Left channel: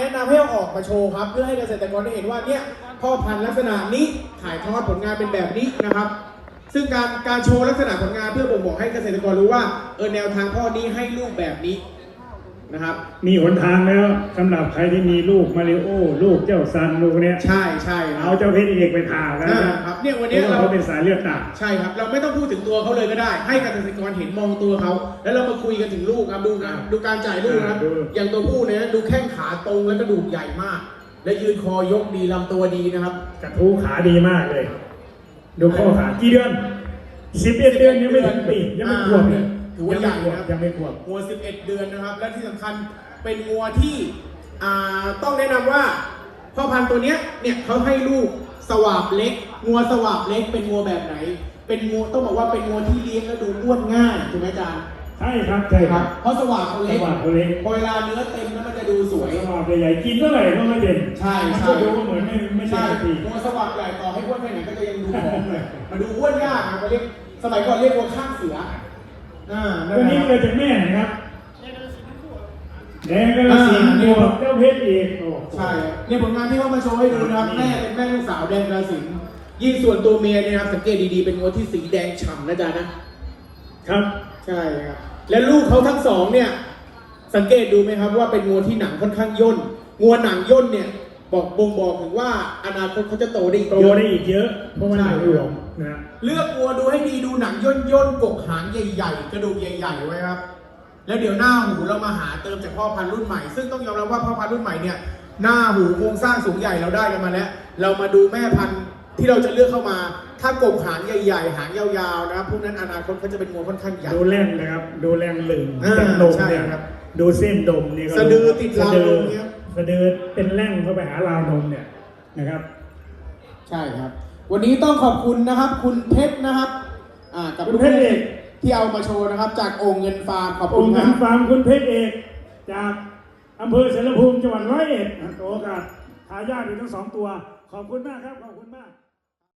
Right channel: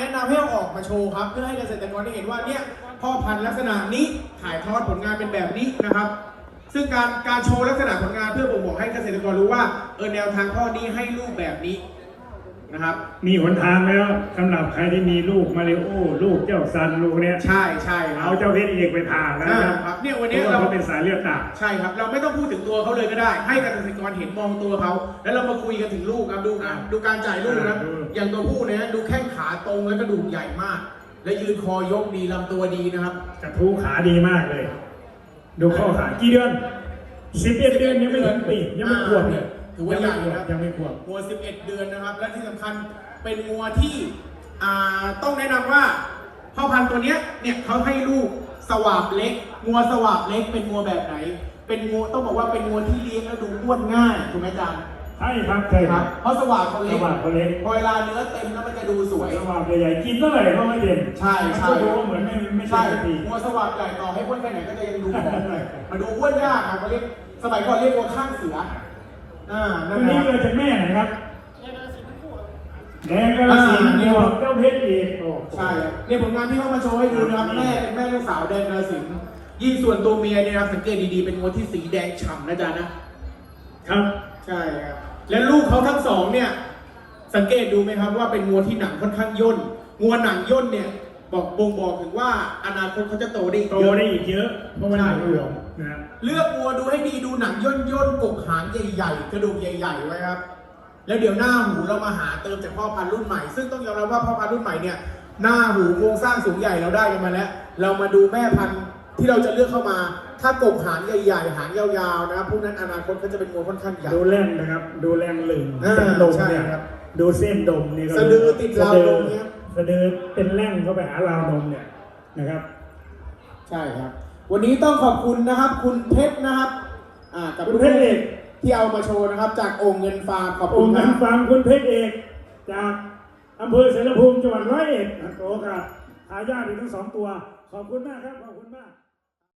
แนะนำให้เอาออกมาโชว์ครับ เพื่อให้เกษตรกรได้เห็นว่าเนี่ยพ่อพันธุ์ลักษณะนี้ขายทอดผลงานเป็นแบบนี้นะครับ ซึ่งการการโชว์ลักษณะผลงานเพื่อบ่งบอกให้เกษตรกรรู้ว่าเออแนวทางพ่อนี้ให้ลูกแบบนี้ นะครับ มีหนทางแล้วสำหรับใครที่มีลูกมาริโอลูกเจ้าซันลูกเนี้ยใช่ใช่คเอารับเจ้าเพชรเอกไปผ่าแล้วใช่นะครับเนี่ยวันเพนี้ราะว่าเรา เขาเป็นสายเลือดหนักใช่ครับเราไม่ต้องพูดถึงตัวเขาเลยก็ได้ ให้เกษตรกรเห็นมองตัวเขา แล้วเรามาคุยกันถึงลูกครับดูนะดูการจ่ายลูกนะดู อย่างตัวผู้เนี่ยดูแข้งขาตรงแล้วกระดูกใหญ่มาก และยืนคอยกดีลำตัวดีนะครับ กระทู้ขาดีมากเลย ดูข้อขากี่เดือนสิบเอ็ดเดือนยังไม่ถึงปียังไม่ขวบเลย ถือว่าใหญ่นะครับยังไม่ขวบงัว 11 เดือนนะครับ และที่สำคัญเป็นงัวที่อ่าต้องแนะนำว่าพ่อพันธุ์ตัวเนี้ยเนี่ยเขาให้ลูกสวาบเล็กงัวสวาบเล็กเป็นงัวแบบไหน เป็นงัวต้องบอกว่าเป็นงัวที่เลี้ยงแล้วดูอ้วนง่ายถูกไหมอาจารย์ใช่ครับใช่ครับเพราะสวาบเขาสเล็กวัสดิ์คนเล็กพอเวลาเนื้อเต็มแล้วมันจะดูสวย สวัสดิ์ใหญ่กินเท่าไหร่ก็ไม่เป็นใช่ใช่ ก็ดูเหมือนไม่ไม่ใช่ใช่ปีงัวสวาบใหญ่ต่อให้อ้วนแค่ไหนก็จะยังดูผอมเลยมาดูอ้วนยากครับเขาเรียกสมัยก่อนเรียกงัวข้างเสือ อ่านั่ตันวนี้นะคเกิรับ ดจากแม่ไหนครับแดงก็สีเดียวเจ้าเพชรอีกโอ้ ใช่ครับเนี่ยผลงานที่เขามาโชว์ให้ดูนะครับแม่เป็นแม่ลูกสาวแดงกระสินยิ่งส่วนตัวเมียเนี่ยนะครับสังเกตดีๆเป็นงัวที่สีแดงฉ่ำนะจ๊ะนะครับ ใช่ครับและลูกเขาทั้งสองเนี่ย สังเกตดูไหมครับว่าเป็นงัวที่หนังค่อนข้างย่นงัวหนังย่นเนี่ย บอกบ่งบอกถึงว่าอนาคตเขาจะโตได้อีกโตเยอะ ได้อีกเยอะเพราะมันหนักหลวมนะเลือกงัวดูให้ดีดูหนังย่นย่นๆกกหางใหญ่ๆ กระดูกใหญ่ๆไว้ครับ แล้วเดี๋ยวหน้าหูเรามาหาเติมจากพ่อพันธุ์รุ่นใหม่ ซึ่งต้องยอมรับว่าพ่อพันธุ์รุ่นใหม่เนี่ยหน้าหูโครงสร้างสูงใหญ่เราได้กันมาแล้ว เรามาดูแม่พันธุ์ที่เราจะเลือกเข้ามา ถ้ากกหางใหญ่ๆ หางยาวๆนะครับพวกนั้นอนาคตเขาจะเป็นงัวค่อนข้างใหญ่ ดูแล่นนะครับ ดูแล่นลึงเออจากดมใช่เนี่ยครับ ดูเส้นดมเนี่ยก็สะดือติดราวนมเนี่ย สะดือเป็นแร่งเข้าไปหาราวนมเนี่ยนะครับ ใช่ครับ วันนี้ต้องขอบคุณนะครับ คุณเพชรนะครับอ่ากับคุณเพชรเอกที่เอามาโชว์นะครับ จากโองค์เงินฟาร์มขอบอคุงณค์คการรับฟาร์มคุณเพชรเอกจากอำเภอเสรภูมิจังหวัดร้อยเอ็ดโตกับทายาทอีกทั้งสองตัว ขอบคุณมากครับ ขอบคุณมาก